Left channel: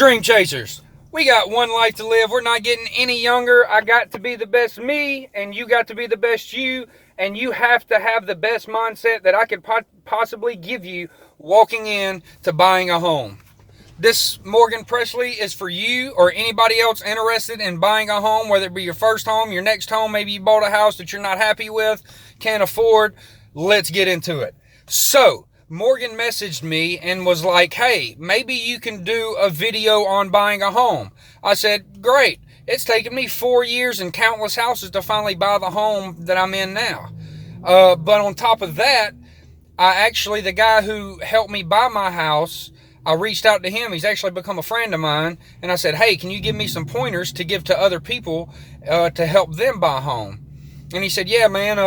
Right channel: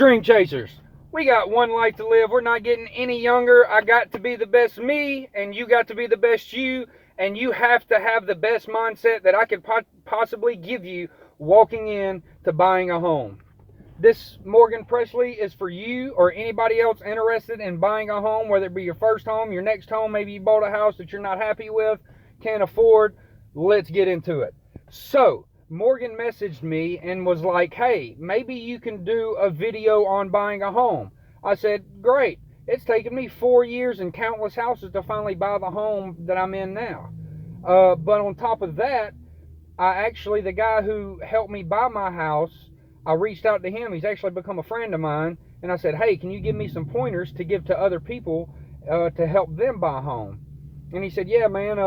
Dream Chasers, we got one life to live. We're not getting any younger. I got to be the best me, and you got to be the best you, and you have to have the best mindset that I could possibly give you walking in to buying a home. This Morgan Presley is for you or anybody else interested in buying a home, whether it be your first home, your next home, maybe you bought a house that you're not happy with, can't afford. Let's get into it. So, Morgan messaged me and was like, hey, maybe you can do a video on buying a home. I said, great. It's taken me 4 years and countless houses to finally buy the home that I'm in now. But on top of that, the guy who helped me buy my house, I reached out to him. He's actually become a friend of mine. And I said, hey, can you give me some pointers to give to other people to help them buy a home? And he said, yeah, man,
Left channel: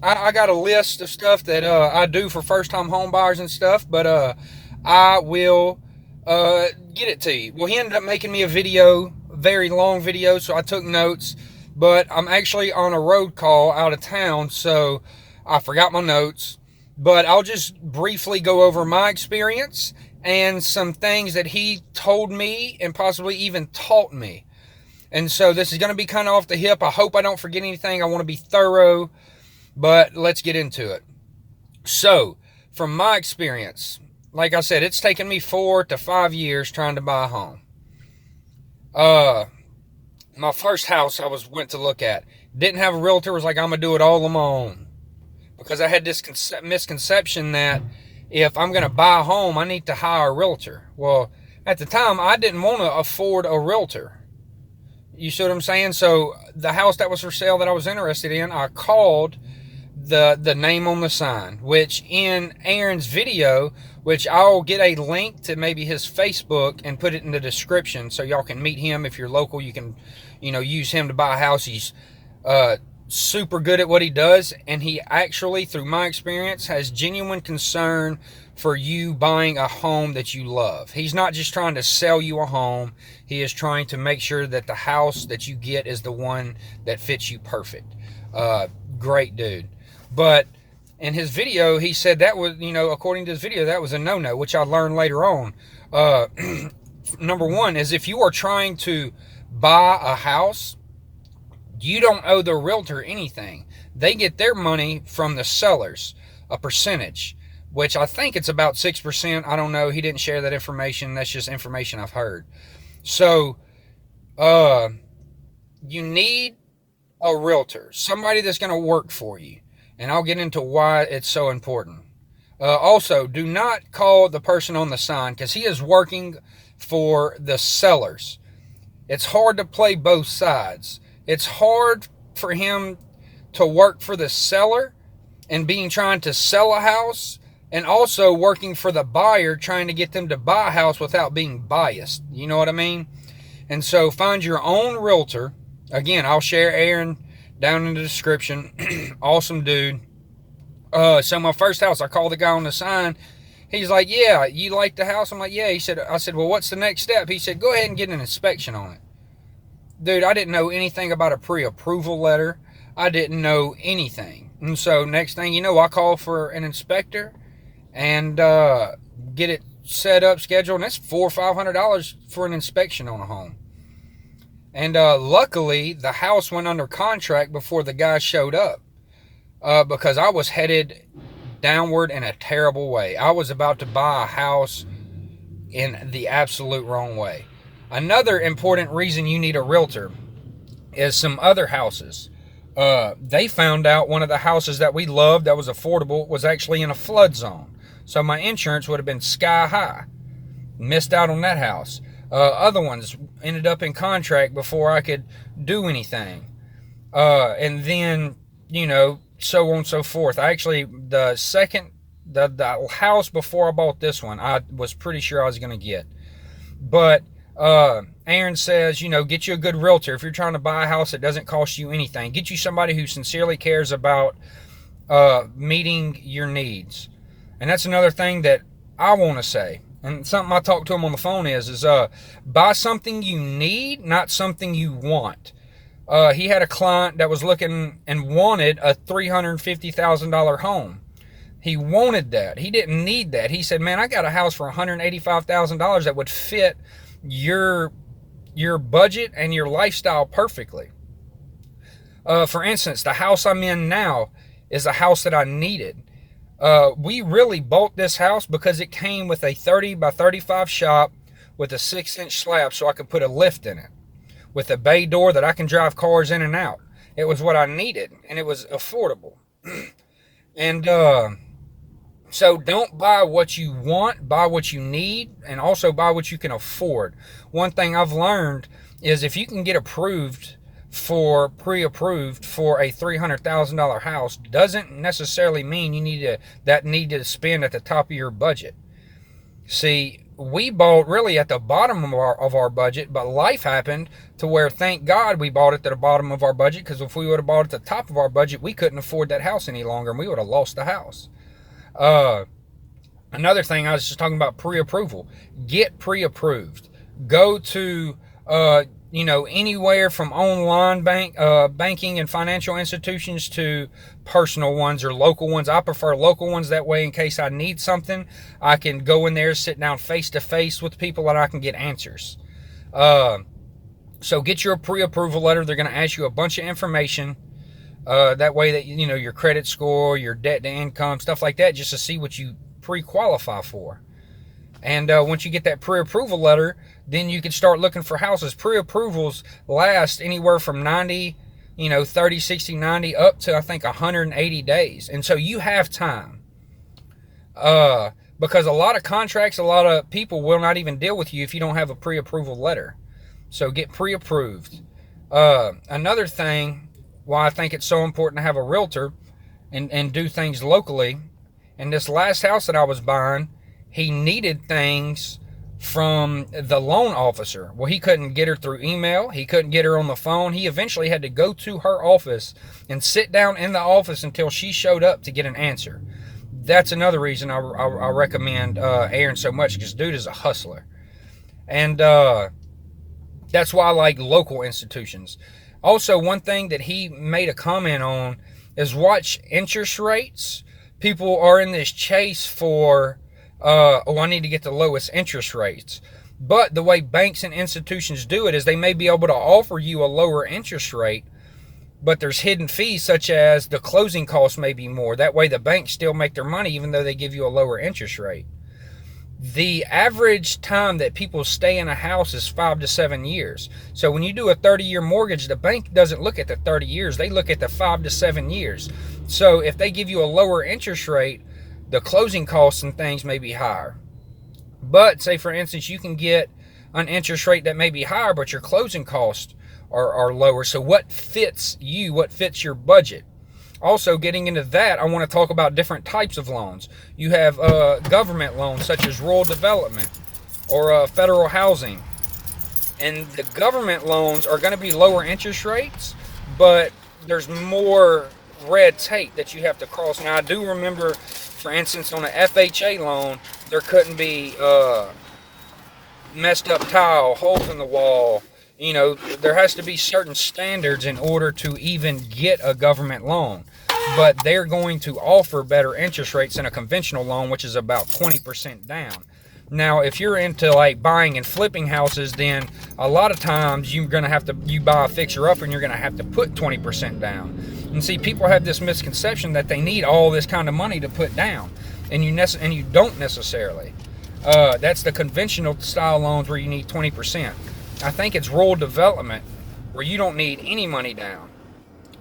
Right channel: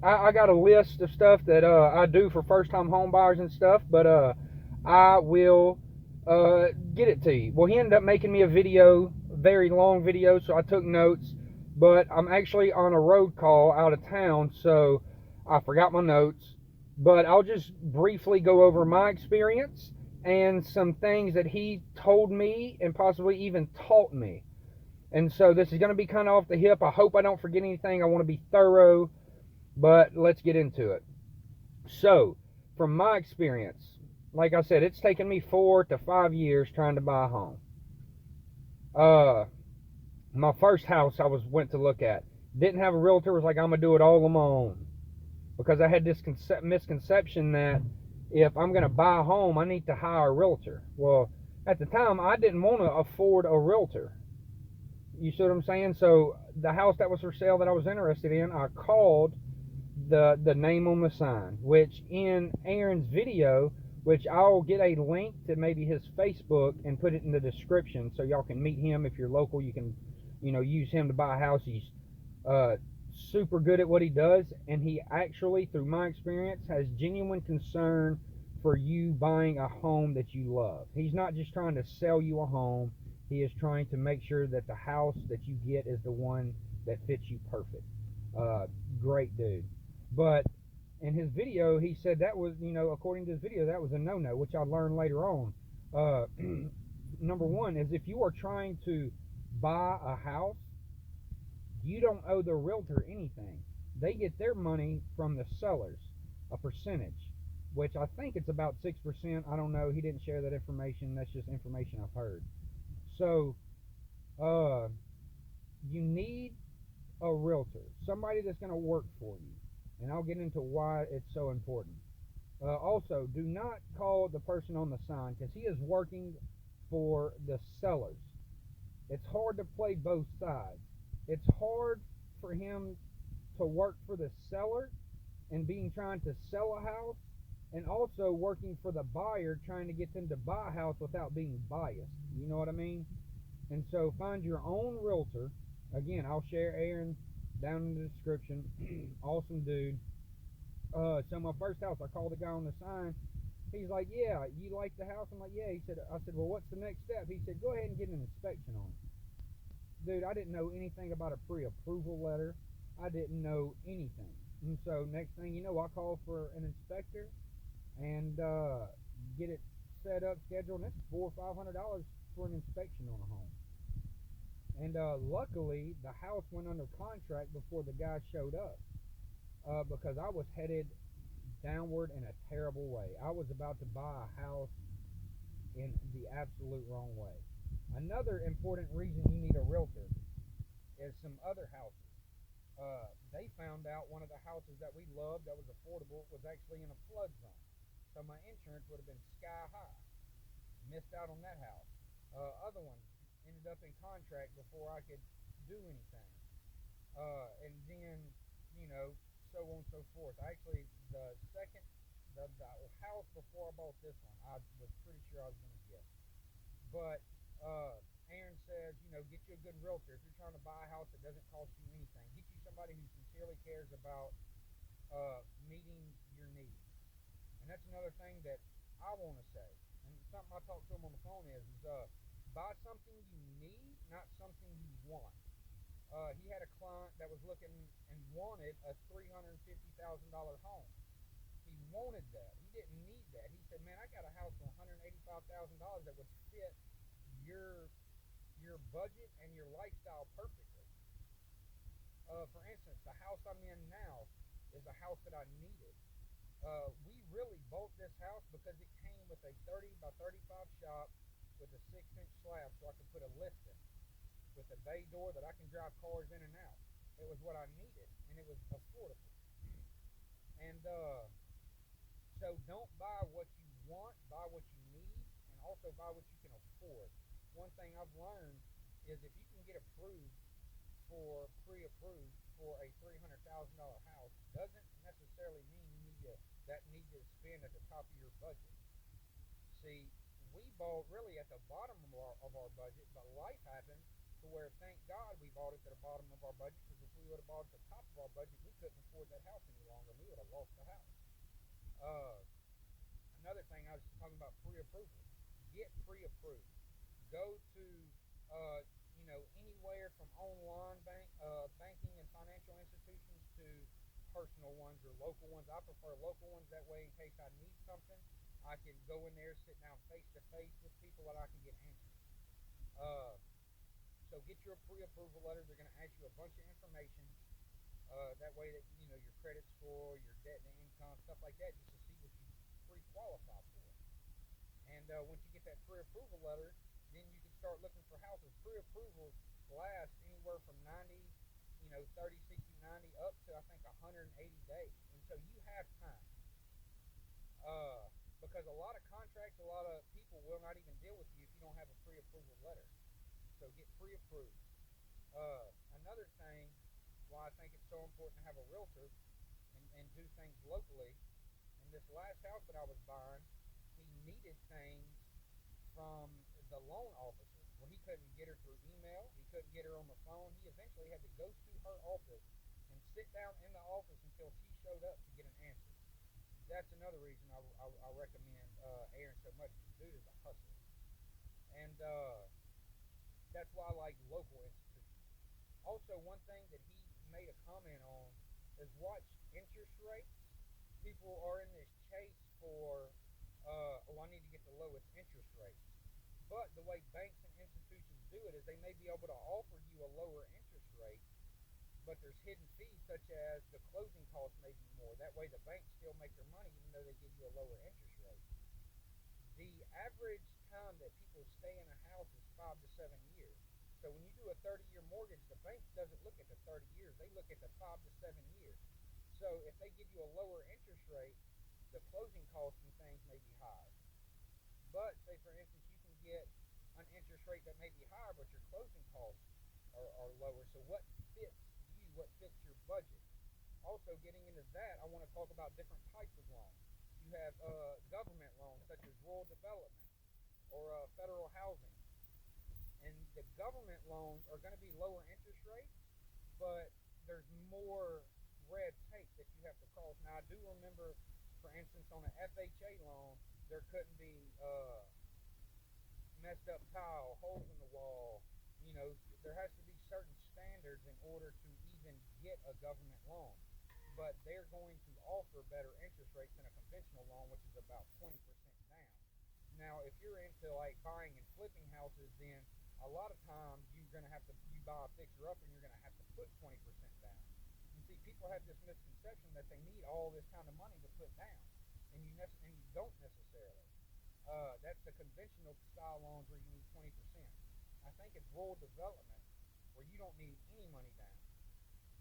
I got a list of stuff that I do for first-time home buyers and stuff, but I will get it to you. Well, he ended up making me a video, very long video, so I took notes, but I'm actually on a road call out of town, so I forgot my notes. But I'll just briefly go over my experience and some things that he told me and possibly even taught me. And so this is going to be kind of off the hip. I hope I don't forget anything. I want to be thorough. But let's get into it. So, from my experience, like I said, it's taken me 4 to 5 years trying to buy a home. My first house I went to look at didn't have a realtor. It was like, I'm going to do it all on my own. Because I had this misconception that if I'm going to buy a home, I need to hire a realtor. Well, at the time, I didn't want to afford a realtor. You see what I'm saying? So, the house that was for sale that I was interested in, I called the name on the sign, which in Aaron's video, which I'll get a link to maybe his Facebook and put it in the description so y'all can meet him. If you're local, you can, use him to buy a house. He's super good at what he does, and he actually, through my experience, has genuine concern for you buying a home that you love. He's not just trying to sell you a home. He is trying to make sure that the house that you get is the one that fits you perfect. Great dude. But in his video, he said that was, according to his video, that was a no-no, which I learned later on. Number one is if you are trying to buy a house, you don't owe the realtor anything. They get their money from the sellers, a percentage, which I think it's about 6%. I don't know. He didn't share that information. That's just information I've heard. So, you need a realtor, somebody that's going to work for you. And I'll get into why it's so important. Also, do not call the person on the sign because he is working for the sellers. It's hard to play both sides. It's hard for him to work for the seller and trying to sell a house, and also working for the buyer trying to get them to buy a house without being biased. You know what I mean? And so find your own realtor. Again, I'll share Aaron down in the description. Awesome dude. So my first house, I called the guy on the sign. He's like, yeah, you like the house? I'm like, yeah. I said, well, what's the next step? He said, go ahead and get an inspection on it. Dude, I didn't know anything about a pre-approval letter. I didn't know anything. And so next thing you know, I call for an inspector and get it set up, scheduled. And that's $400 or $500 for an inspection on a home. And luckily, the house went under contract before the guy showed up because I was headed downward in a terrible way. I was about to buy a house in the absolute wrong way. Another important reason you need a realtor is some other houses. They found out one of the houses that we loved that was affordable was actually in a flood zone. So my insurance would have been sky high. Missed out on that house. Other ones ended up in contract before I could do anything. And then, so on and so forth. The house before I bought this one, I was pretty sure I was going to get. But Aaron says, get you a good realtor. If you're trying to buy a house that doesn't cost you anything, get you somebody who sincerely cares about meeting your needs. And that's another thing that I want to say. And something I talked to him on the phone is buy something you need, not something you want. He had a client that was looking and wanted a $350,000 home. He wanted that. He didn't need that. He said, man, I got a house for $185,000 that would fit your budget and your lifestyle perfectly. For instance, the house I'm in now is a house that I needed. We really bought this house because it came with a 30 by 35 shop with a 6-inch slab so I could put a lift in it, with a bay door that I can drive cars in and out. It was what I needed, and it was affordable. And so don't buy what you want, buy what you need, and also buy what you can afford. One thing I've learned is if you can get pre-approved for a $300,000 house, doesn't necessarily mean you need to spend at the top of your budget. See, we bought really at the bottom of our budget, but life happened to where, thank God, we bought it at the bottom of our budget, because if we would have bought it at the top of our budget, we couldn't afford that house any longer, and we would have lost the house. Another thing, I was just talking about pre-approval. Get pre-approved. Go to anywhere from online banking and financial institutions to personal ones or local ones. I prefer local ones, that way in case I need something, I can go in there, sit down face to face with people, and I can get answers. So get your pre-approval letter. They're going to ask you a bunch of information. That way that, your credit score, your debt to income, stuff like that, just to see what you pre-qualify for. And once you get that pre-approval letter, then you can start looking for houses. Pre-approvals last anywhere from 90, 30, 60, 90, up to, I think, 180 days. And so you have time. Because a lot of contracts, a lot of people will not even deal with you if you don't have a pre-approval letter. So get pre-approved. Another thing why I think it's so important to have a realtor and do things locally. In this last house that I was buying, he needed things from the loan officer. Well, he couldn't get her through email. He couldn't get her on the phone. He eventually had to go to her office and sit down in the office until she showed up to get an answer. That's another reason I recommend Aaron so much, because dude is a hustler. And that's why I like local institutions. Also, one thing that he made a comment on is watch interest rates. People are in this chase for, I need to get the lowest interest rates. But the way banks and institutions do it is they may be able to offer you a lower interest rate, but there's hidden fees such as the closing costs may be more. That way the banks still make their money even though they give you a lower interest rate. The average time that people stay in a house is 5 to 7 years. So when you do a 30-year mortgage, the bank doesn't look at the 30 years. They look at the 5 to 7 years. So if they give you a lower interest rate, the closing costs and things may be higher. But say, for instance, you can get an interest rate that may be higher, but your closing costs are lower. So what fits you? What fits your budget? Also, getting into that, I want to talk about different types of loans. You have government loans such as rural development or federal housing. And the government loans are going to be lower interest rates, but there's more red tape that you have to cross. Now, I do remember, for instance, on an FHA loan, there couldn't be messed up tile, holes in the wall. There has to be certain standards in order to even get a government loan. But they're going to offer better interest rates than a conventional loan, which is about 20% down. Now, if you're into like buying and flipping houses, then a lot of times you buy a fixer-upper and you're going to have to put 20% down. And see, people have this misconception that they need all this kind of money to put down, and you don't necessarily. That's the conventional style loans where you need 20%. I think it's rural development where you don't need any money down.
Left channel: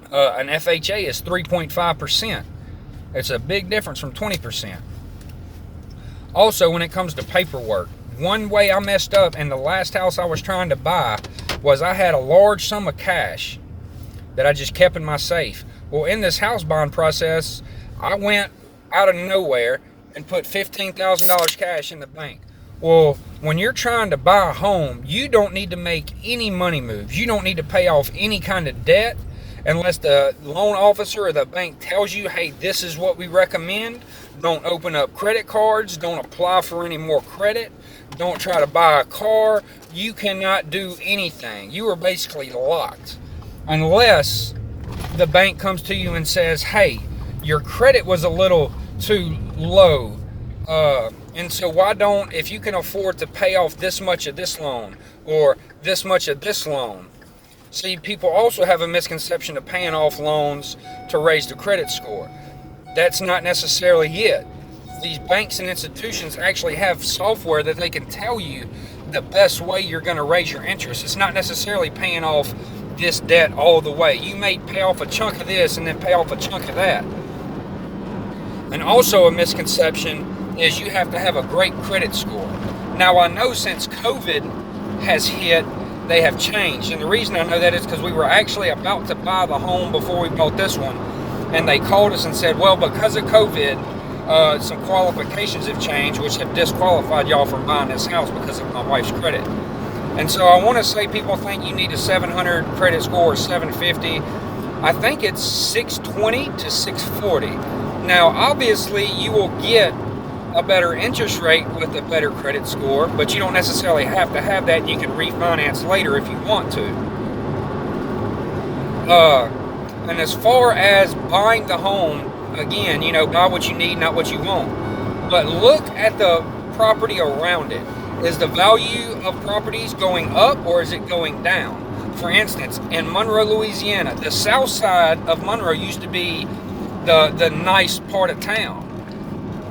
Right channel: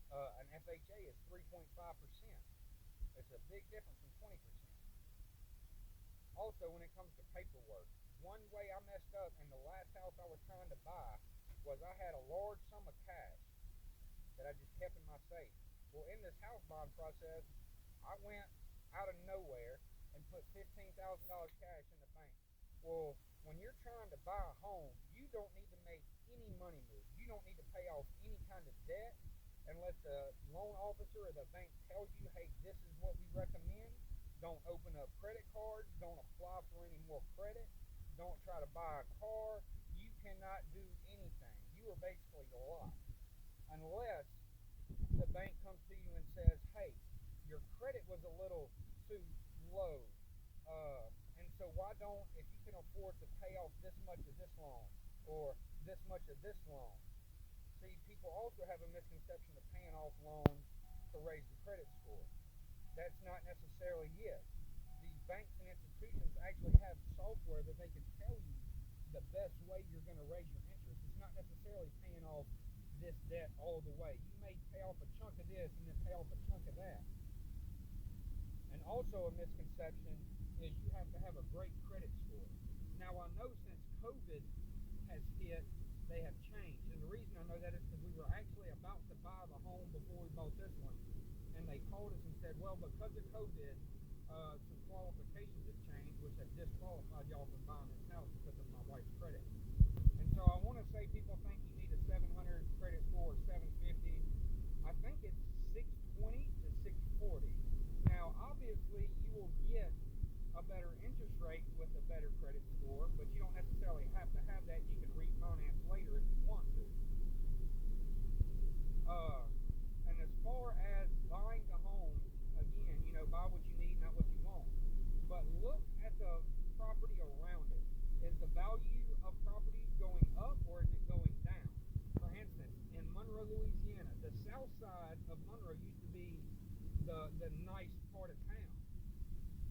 An FHA is 3.5%. It's a big difference from 20%. Also, when it comes to paperwork, one way I messed up in the last house I was trying to buy was I had a large sum of cash that I just kept in my safe. Well, in this house buying process, I went out of nowhere and put $15,000 cash in the bank. Well, when you're trying to buy a home, you don't need to make any money moves. You don't need to pay off any kind of debt unless the loan officer or the bank tells you, hey, this is what we recommend. Don't open up credit cards. Don't apply for any more credit. Don't try to buy a car. You cannot do anything. You are basically locked unless the bank comes to you and says, hey, your credit was a little too low. And so why don't, if you can afford to pay off this much of this loan or this much of this loan? See, people also have a misconception of paying off loans to raise the credit score. That's not necessarily it. These banks and institutions actually have software that they can tell you the best way you're going to raise your interest. It's not necessarily paying off this debt all the way. You may pay off a chunk of this and then pay off a chunk of that. And also a misconception is you have to have a great credit score. Now, I know since COVID has hit, they have changed. And the reason I know that is because we were actually about to buy the home before we bought this one. And they called us and said, well, because of COVID, some qualifications have changed, which have disqualified y'all from buying this house because of my wife's credit. And so I want to say people think you need a 700 credit score or 750. I think it's 620 to 640. Now, obviously, you will get a better interest rate with a better credit score, but you don't necessarily have to have that. You can refinance later if you want to. And as far as buying the home, again, buy what you need, not what you want. But look at the property around it. Is the value of properties going up or is it going down? For instance, in Monroe, Louisiana, the south side of Monroe used to be the nice part of town.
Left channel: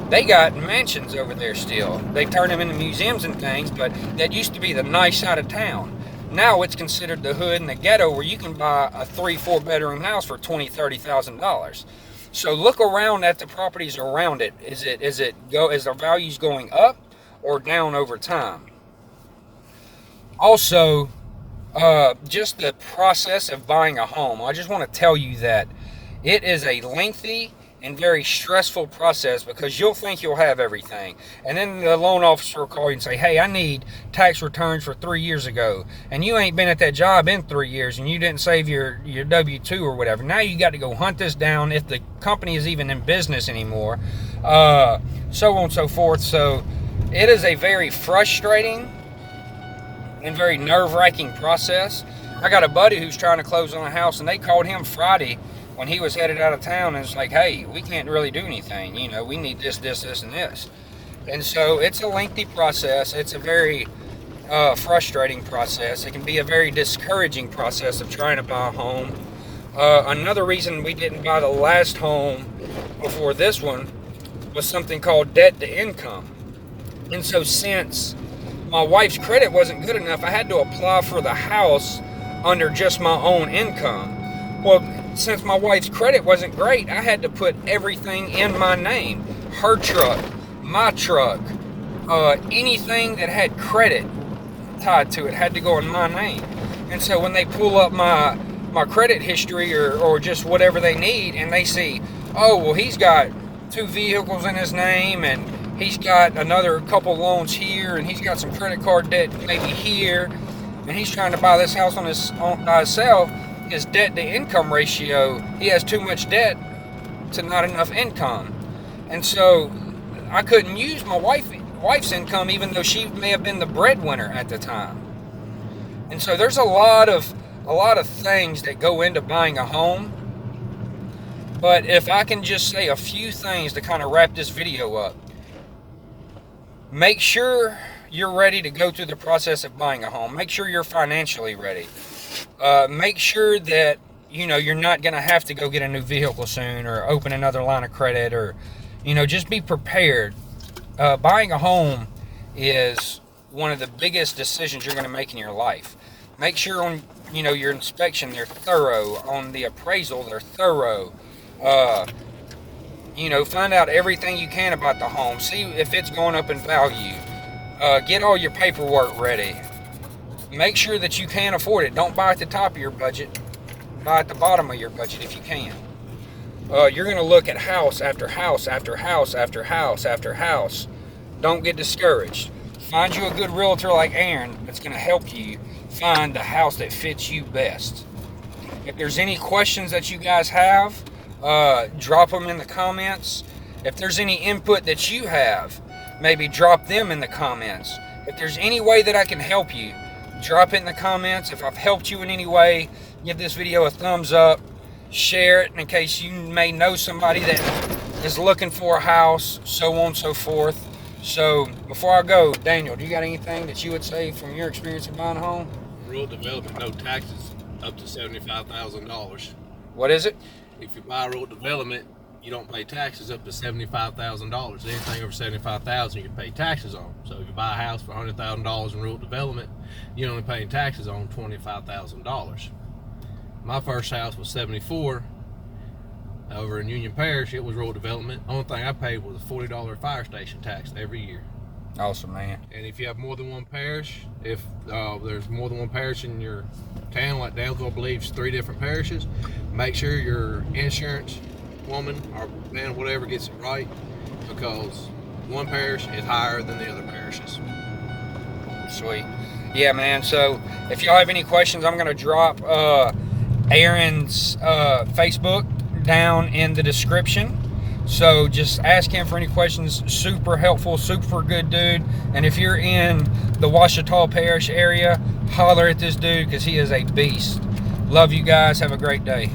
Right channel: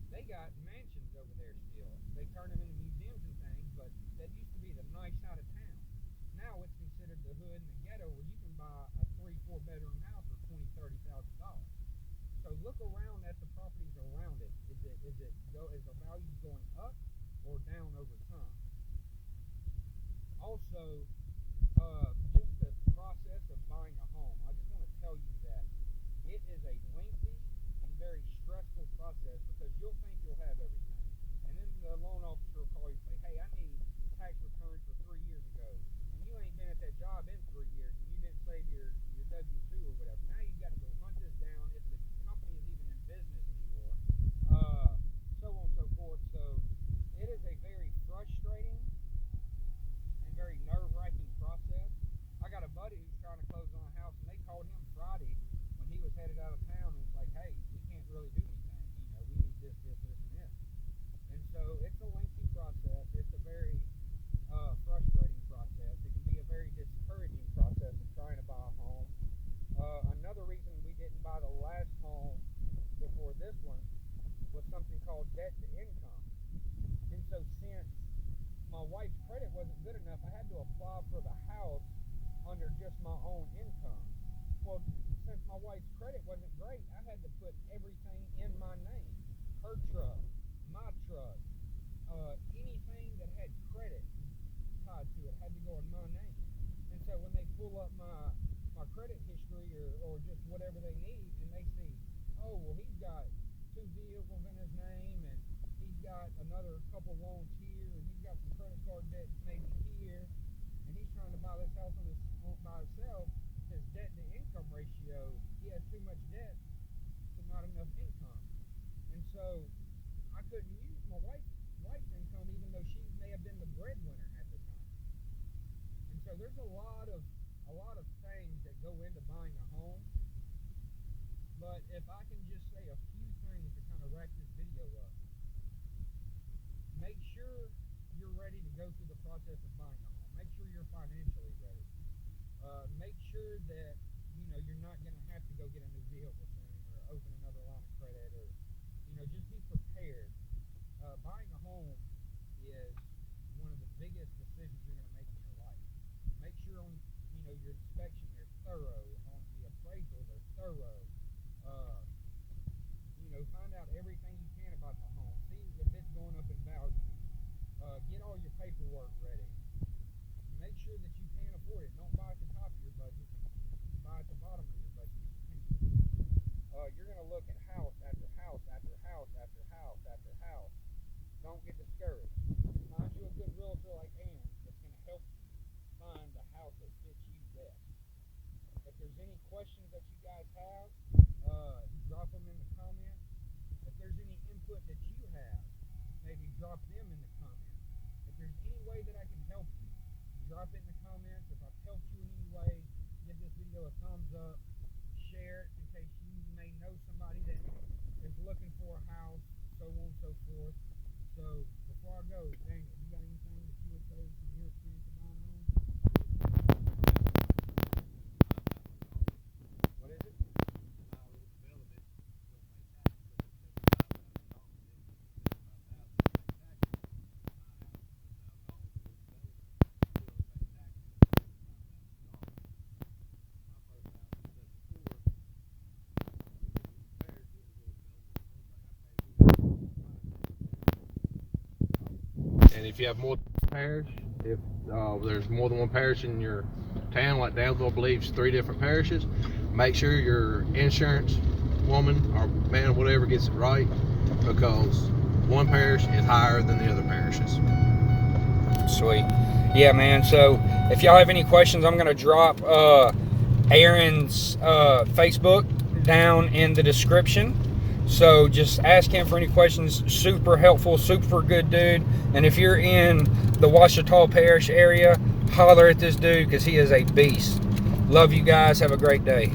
They got mansions over there still. They turned them into museums and things, but that used to be the nice side of town. Now it's considered the hood and the ghetto where you can buy a 3-4 bedroom house for $20,000-$30,000. So look around at the properties around it. Is the values going up or down over time? Also, just the process of buying a home. I just want to tell you that it is a lengthy and very stressful process because you'll think you'll have everything. And then the loan officer will call you and say, hey, I need tax returns for 3 years ago. And you ain't been at that job in 3 years and you didn't save your W-2 or whatever. Now you got to go hunt this down if the company is even in business anymore. So on and so forth. So it is a very frustrating and very nerve-wracking process. I got a buddy who's trying to close on a house and they called him Friday when he was headed out of town, and it's like, hey, we can't really do anything. We need this, this, this, and this. And so it's a lengthy process. It's a very frustrating process. It can be a very discouraging process of trying to buy a home. Another reason we didn't buy the last home before this one was something called debt to income. And so since my wife's credit wasn't good enough, I had to apply for the house under just my own income. Well, since my wife's credit wasn't great, I had to put everything in my name. Her truck, my truck, anything that had credit tied to it had to go in my name. And so when they pull up my credit history or just whatever they need and they see, oh, well, he's got 2 vehicles in his name and he's got another couple loans here and he's got some credit card debt maybe here and he's trying to buy this house by himself, his debt to income ratio, he has too much debt to not enough income. And so I couldn't use my wife's income even though she may have been the breadwinner at the time. And so there's a lot of things that go into buying a home. But if I can just say a few things to kind of wrap this video up. Make sure you're ready to go through the process of buying a home. Make sure you're financially ready. Make sure that you're not going to have to go get a new vehicle soon or open another line of credit or just be prepared. Buying a home is one of the biggest decisions you're going to make in your life. Make sure on your inspection they're thorough, on the appraisal they're thorough. Find out everything you can about the home. See if it's going up in value. Get all your paperwork ready. Make sure that you can afford it. Don't buy at the top of your budget. Buy at the bottom of your budget if you can. You're going to look at house after house after house after house after house. Don't get discouraged. Find you a good realtor like Aaron that's going to help you find the house that fits you best. If there's any questions that you guys have, drop them in the comments. If there's any input that you have, maybe drop them in the comments. If there's any way that I can help you, drop it in the comments. If I've helped you in any way, give this video a thumbs up. Share it in case you may know somebody that is looking for a house, so on and so forth. So before I go, Daniel, do you got anything that you would say from your experience of buying a home? Rural development, no taxes up to $75,000. What is it? If you buy rural development, you don't pay taxes up to $75,000. Anything over $75,000 you pay taxes on. So if you buy a house for $100,000 in rural development, you're only paying taxes on $25,000. My first house was $74,000 over in Union Parish. It was rural development. Only thing I paid was a $40 fire station tax every year. Awesome, man. And if you have more than one parish, if there's more than one parish in your town, like Daleville believes 3 different parishes, make sure your insurance woman or man, whatever, gets it right, because one parish is higher than the other parishes. Sweet. Yeah, man. So if y'all have any questions, I'm going to drop Aaron's Facebook down in the description. So just ask him for any questions. Super helpful, super good dude. And if you're in the Ouachita Parish area, holler at this dude because he is a beast. Love you guys. Have a great day.